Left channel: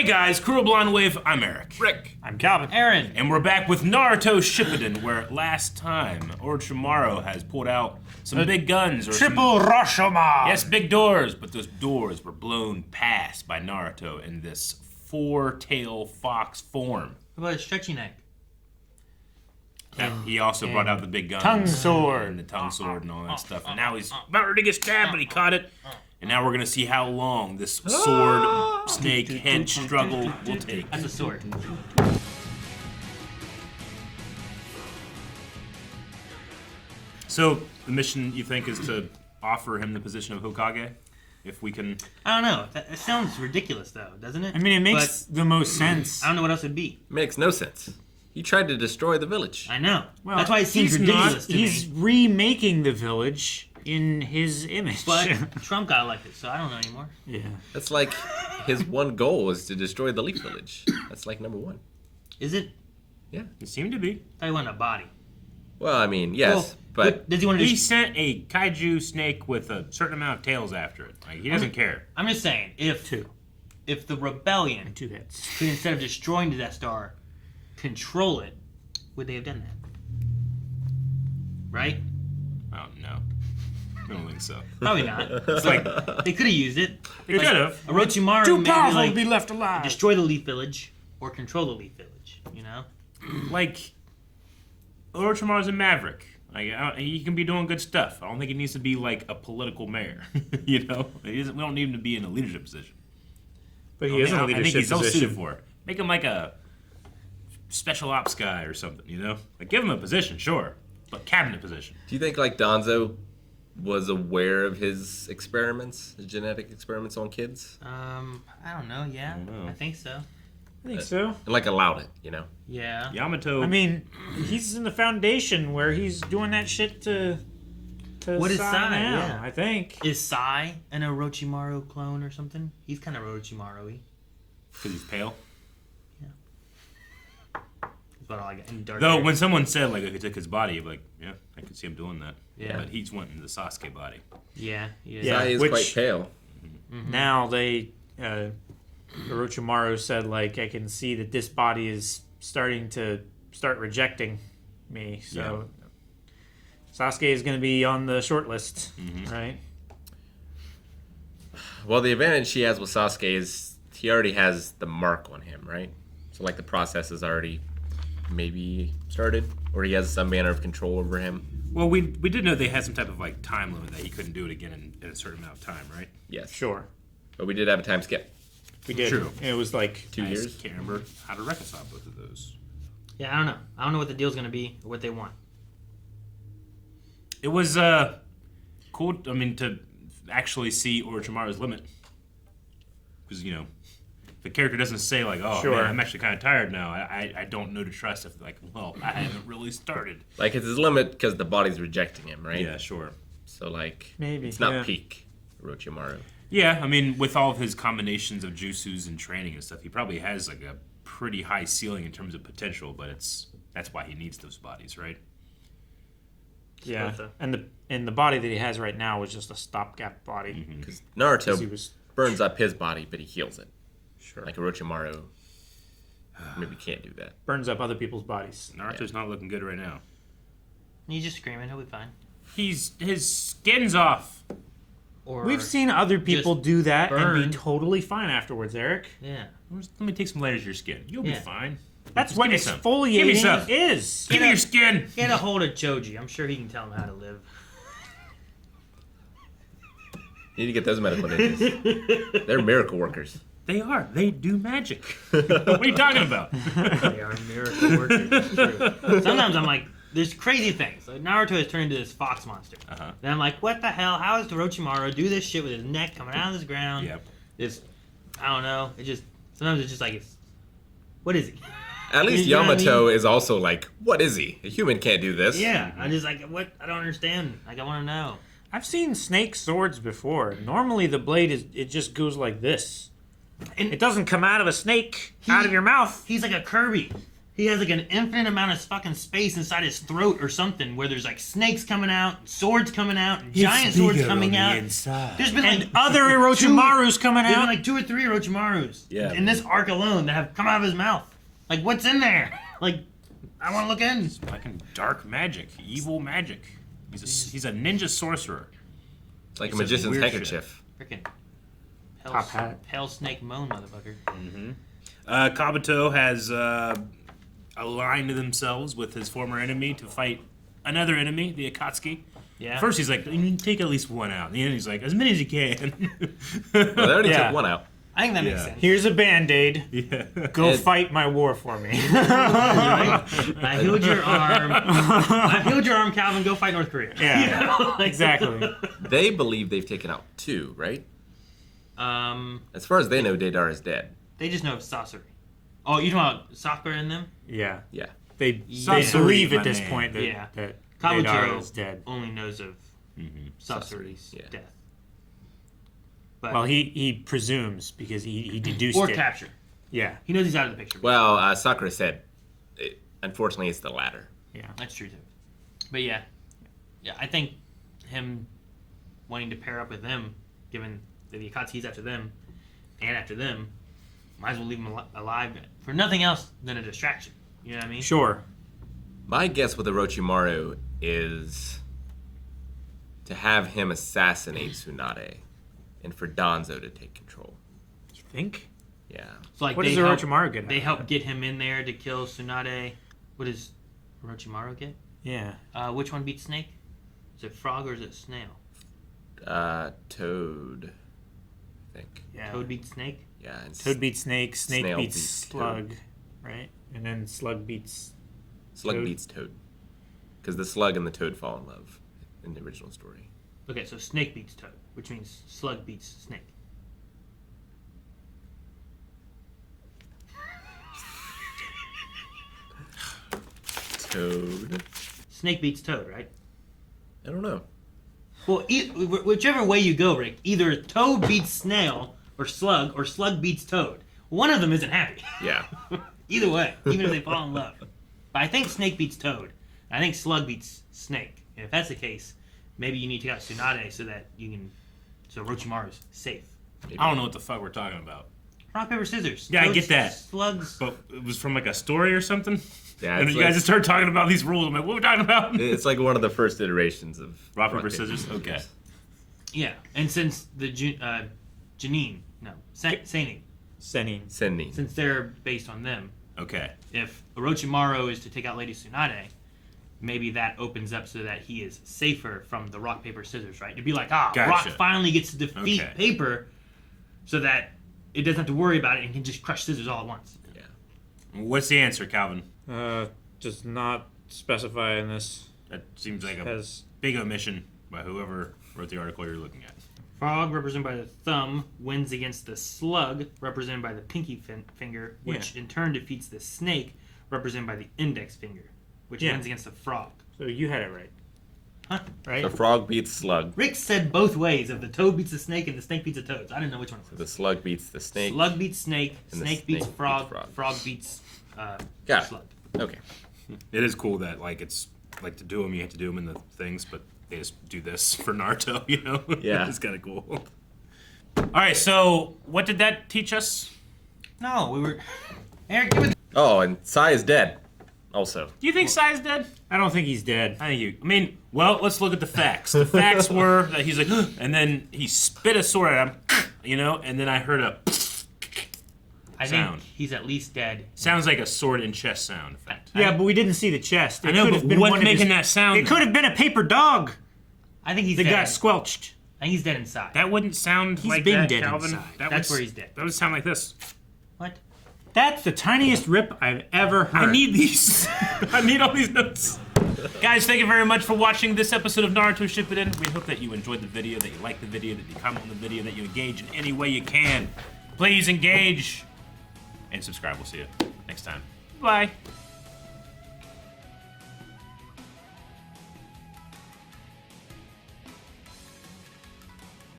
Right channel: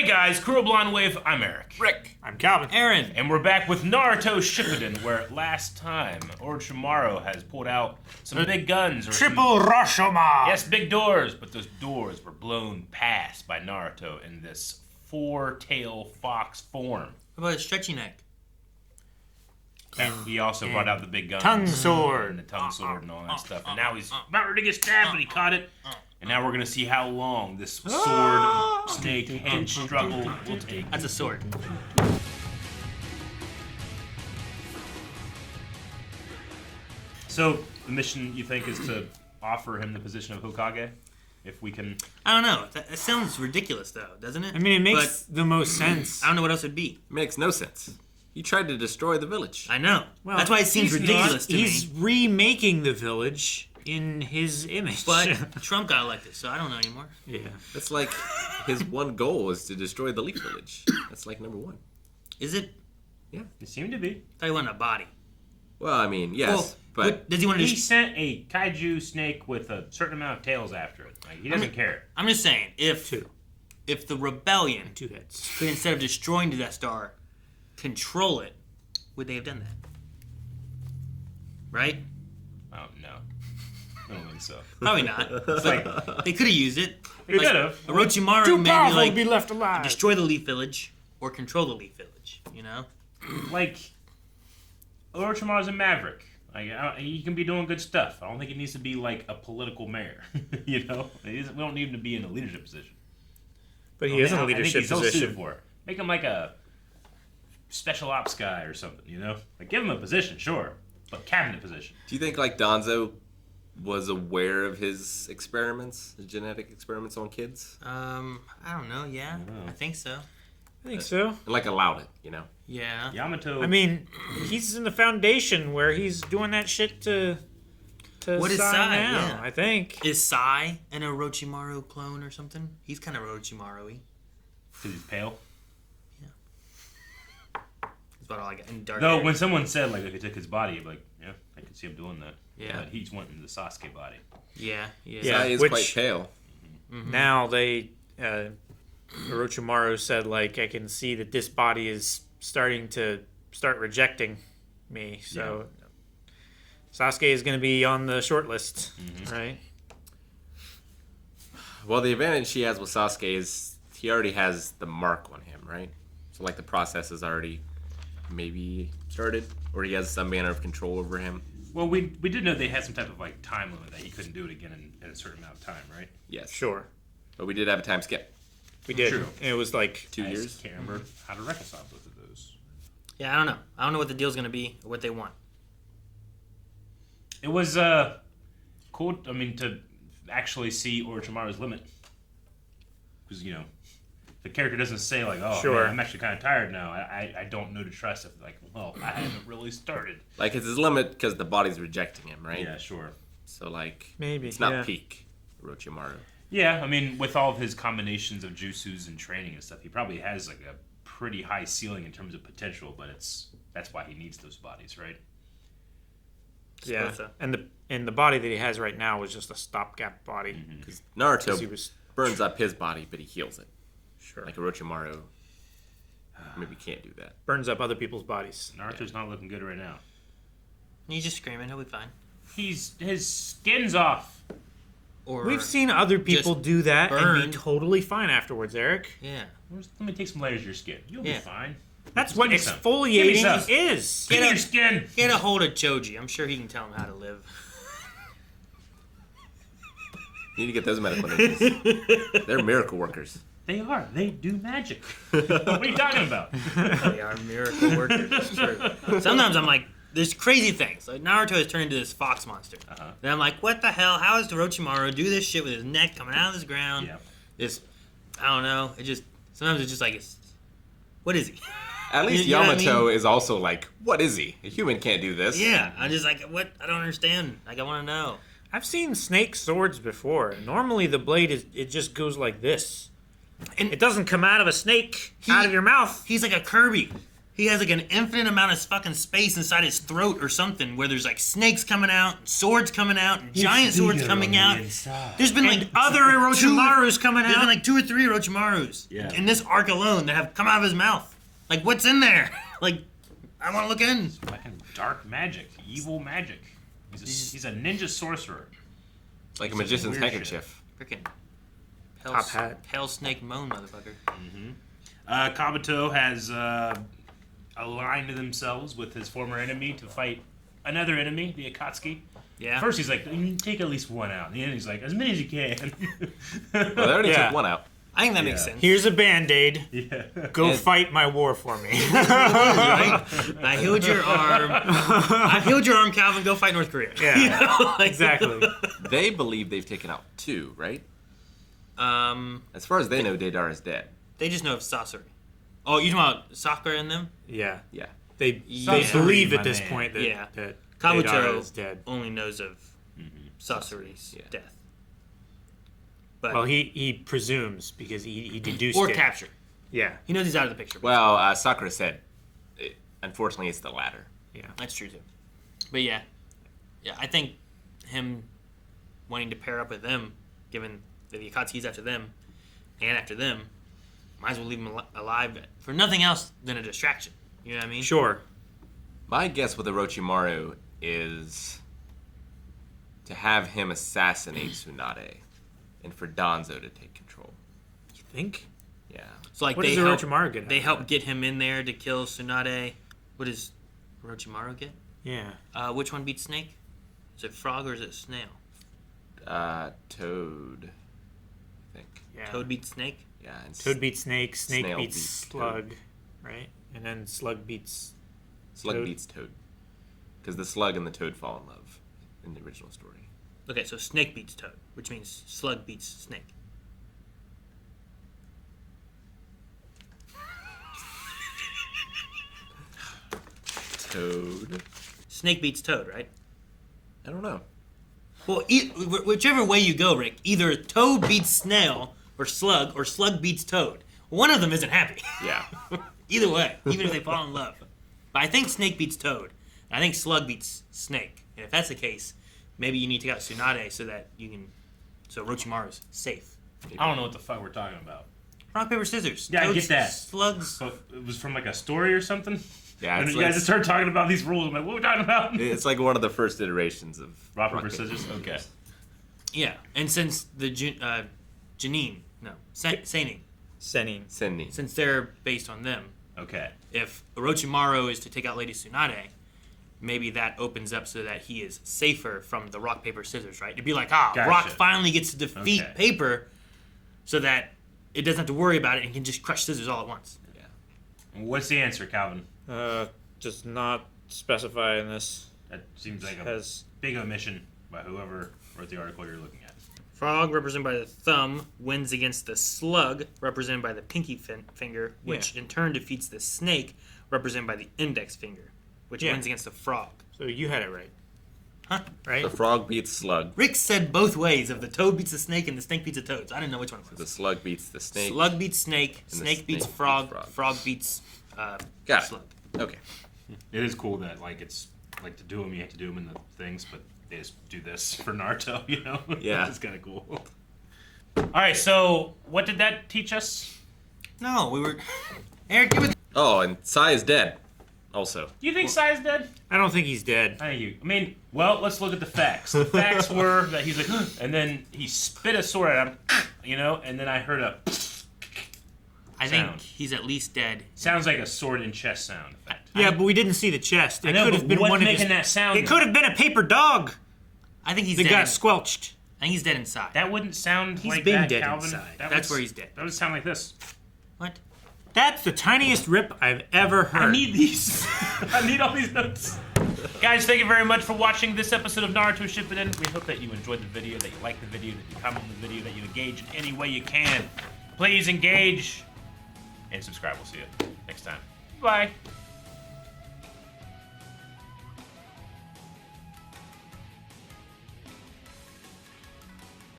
Hey guys, Crew of Blonde Wave, I'm Eric. Rick. I'm Calvin. Aaron. And we're back with Naruto Shippuden, where last time Orochimaru has pulled out some big guns. Or Triple Rashomon! Yes, big doors, but those doors were blown past by Naruto in this four-tail fox form. What about a stretchy neck? He also brought out the big guns. Tongue sword. And the tongue sword and all that stuff. And now he's about ready to get stabbed, but he caught it. And now we're going to see how long this sword, snake, head struggle will take. That's a sword. So, the mission, you think, is to offer him the position of Hokage? If we can... I don't know. That sounds ridiculous, though, doesn't it? I mean, it makes the most sense. I don't know what else it would be. Makes no sense. He tried to destroy the village. I know. Well, that's why it seems ridiculous to He's me. remaking the village in his image. But Trump got elected, so I don't know anymore. Yeah. That's like his one goal is to destroy the Leaf Village. That's like number one. Is it? Yeah. It seemed to be. I thought he wanted a body. Well, I mean, yes, but does he want to? He sent a kaiju snake with a certain amount of tails after it. Like, he doesn't care. I'm just saying, if the rebellion Two heads. could, instead of destroying the Death Star, control it, would they have done that? Right? Oh, no. I don't think so. Probably not. It's like, They could have used it. they could have. Orochimaru Too maybe powerful like to be left alive. destroy the Leaf Village or control the Leaf Village. You know? Like, Orochimaru's a maverick. Like, he can be doing good stuff. I don't think he needs to be, like, a political mayor. You know? We don't need him to be in a leadership position. But he is in a I think leadership he's ill-suited position. for it. Make him like a special ops guy or something, you know? Like, give him a position, sure. But cabinet position. do you think like Danzo was aware of his experiments, his genetic experiments on kids, I don't know. Yeah, I think so. I think so. and like allowed it? You know. Yeah. Yamato... I mean, he's in the Foundation where he's doing that shit to What is Sai Sai? now, Yeah. I think. Is Sai an Orochimaru clone or something? He's kind of Orochimaru-y. Because he's pale. That's about all I got. And dark Though, hair. when someone said, like, if he took his body, you'd be like, yeah, I could see him doing that. Yeah. But he's wanting the Sasuke body. Yeah. Yeah. Sai is which- quite pale. Now Orochimaru said, like, I can see that this body is starting to rejecting me. So Sasuke is going to be on the short list, right? Well, the advantage he has with Sasuke is he already has the mark on him, right? So like the process is already maybe started, or he has some manner of control over him. Well, we did know they had some type of, like, time limit that he couldn't do it again in a certain amount of time, right? Yes. Sure. But we did have a time skip. We did. True. It was like 2 I years. just can't remember how to reconcile both of those. Yeah, I don't know. I don't know what the deal's going to be or what they want. It was cool, I mean, to actually see Orochimaru's limit. Because, you know, the character doesn't say, like, oh, Sure. man, I'm actually kind of tired now. I don't know to trust if, like, well, I haven't really started. Like it's his limit because the body's rejecting him, right? Yeah, sure. So like Maybe, it's not yeah. peak Orochimaru. Yeah, I mean, with all of his combinations of jutsus and training and stuff, he probably has, like, a pretty high ceiling in terms of potential, but that's why he needs those bodies, right? yeah, so. and the body that he has right now was just a stopgap body. Because 'Cause he Naruto was burns up his body, but he heals it. sure Like Orochimaru maybe can't do that. burns up other people's bodies. Naruto's not looking good right now. He's just screaming. He'll be fine. His skin's off. Or We've seen other people do that and burn. be totally fine afterwards, Eric. Yeah. Let me take some light out of your skin. You'll be Yeah. fine. That's Just what give me some. Give me some. exfoliating is. Give me your skin. Get a hold of Choji. I'm sure he can tell him how to live. You need to get those medical ninjas. They're miracle workers. They are. They do magic. What are you talking about? They are miracle workers. It's true. Sometimes I'm like, there's crazy things. Like Naruto has turned into this fox monster. Then I'm like, what the hell? How does Orochimaru do this shit with his neck coming out of this ground? Yep. This, I don't know. Sometimes it's just like, what is he? At least You know what I Yamato mean? is also like, what is he? A human can't do this. Yeah, I'm just like, what? I don't understand. Like, I want to know. I've seen snake swords before. Normally the blade it just goes like this. And It doesn't come out of a snake out of your mouth. he's like a Kirby. he has like an infinite amount of fucking space inside his throat or something, where there's like snakes coming out, swords coming out, giant swords coming out. There's been like Other Orochimarus coming There's been out. like 2 or 3 Orochimarus in man. this arc alone that have come out of his mouth. Like, what's in there? Like, I want to look in. Fucking dark magic, evil magic. He's a ninja sorcerer. It's like a It's magician's weird handkerchief. Freaking Top hat. Hell Snake Moan, motherfucker. Kabuto has aligned themselves with his former enemy to fight another enemy, the Akatsuki. Yeah. First he's like, you take at least one out. And the end he's like, as many as you can. Well, they already Yeah. took one out. I think that makes Yeah. sense. Here's a Band-Aid. Yeah. Go fight my war for me. I healed your arm. I healed your arm, Calvin. Go fight North Korea. Yeah. You know, like- Exactly. They believe they've taken out 2, right? As far as they know, Deidara is dead. They just know of sorcery. Oh, you talking about Sakura and them? Yeah. Yeah. They Sorcery, believe my at this man. point that, Yeah. that Kabuto Deidara is dead. only knows of sorcery's Yeah. death. But, Well, he presumes because he deduced or it. capture. Yeah. He knows he's out of the picture. Well, Sakura said, unfortunately, it's the latter. Yeah. That's true too. But yeah, I think him wanting to pair up with them, given that the Akatsuki's after them and after them, might as well leave him alive for nothing else than a distraction. You know what I mean? Sure. My guess with Orochimaru is to have him assassinate Tsunade and for Danzo to take control. You think? Yeah. So like What they does help, Orochimaru get out They of help that? get him in there to kill Tsunade. What does Orochimaru get? Yeah. Which one beats Snake? Is it Frog or is it Snail? Toad, I think. Yeah. Toad beats Snake? Yeah. And Toad beats Snake. Snake Snail beats beats Toad. Slug. Right? And then Slug beats... Slug Toad. beats Toad. Because the Slug and the Toad fall in love in the original story. Okay, so Snake beats Toad, which means Slug beats Snake. Toad? Snake beats Toad, right? I don't know. Well, whichever way you go, Rick, either Toad beats Snail or Slug beats Toad. One of them isn't happy. Yeah. Either way, even if they fall in love. But I think Snake beats Toad. I think Slug beats Snake. And if that's the case, maybe you need to take out Tsunade so that you can... So Orochimaru's safe. I don't know what the fuck we're talking about. Rock, paper, scissors. Yeah, I Toad's get that. Slugs. But it was from like a story or something? Yeah, And it's you guys like, just started talking about these rules. I'm like, what are we talking about? it's like one of the first iterations of Rock, paper, scissors? Okay. Yeah, and since the Senin, Sending. since they're based on them, Okay. if Orochimaru is to take out Lady Tsunade, maybe that opens up so that he is safer from the rock, paper, scissors, right? It'd be like, Rock Gotcha. finally gets to defeat Okay. Paper so that it doesn't have to worry about it and can just crush Scissors all at once. Yeah. What's the answer, Calvin? Does not specify in this. That seems like a Because big omission by whoever wrote the article you're looking at. Frog, represented by the thumb, wins against the Slug, represented by the pinky finger, which in turn defeats the Snake, represented by the index finger, which Yeah. wins against the Frog. so you had it right. Huh? Right? The frog beats Slug. Rick said both ways of the Toad beats the Snake and the Snake beats the Toad. So I didn't know which one it The was. Slug beats the Snake. Slug beats Snake, And the Snake beats Snake Frog, beats Frog. Frog beats Got it. Slug. Okay. It is cool that like it's like to do them, you have to do them in the things, but they just do this for Naruto, you know? Yeah. It's kind of cool. All right, so what did that teach us? No, we were... Eric, you were... Oh, and Sai is dead. Also. Do you think Sai is dead? I don't think he's dead. I mean, well, let's look at the facts. The facts were that he's like, and then he spit a sword at him, you know, and then I heard a I sound. think he's at least dead. Sounds like a sword and chest sound effect. Yeah, but we didn't see the chest. It I know, could but have been what's one of making his, that sound? It could have been a paper dog I think he's that dead. got squelched. I think he's dead inside. That wouldn't sound He's like been that, dead Calvin. inside. That's where he's dead. That would sound like this. What? That's the tiniest rip I've ever heard. I need these. I need all these notes. Guys, thank you very much for watching this episode of Naruto Shippuden. We hope that you enjoyed the video, that you liked the video, that you comment on the video, that you engage in any way you can. Please engage and subscribe. We'll see you next time. Bye.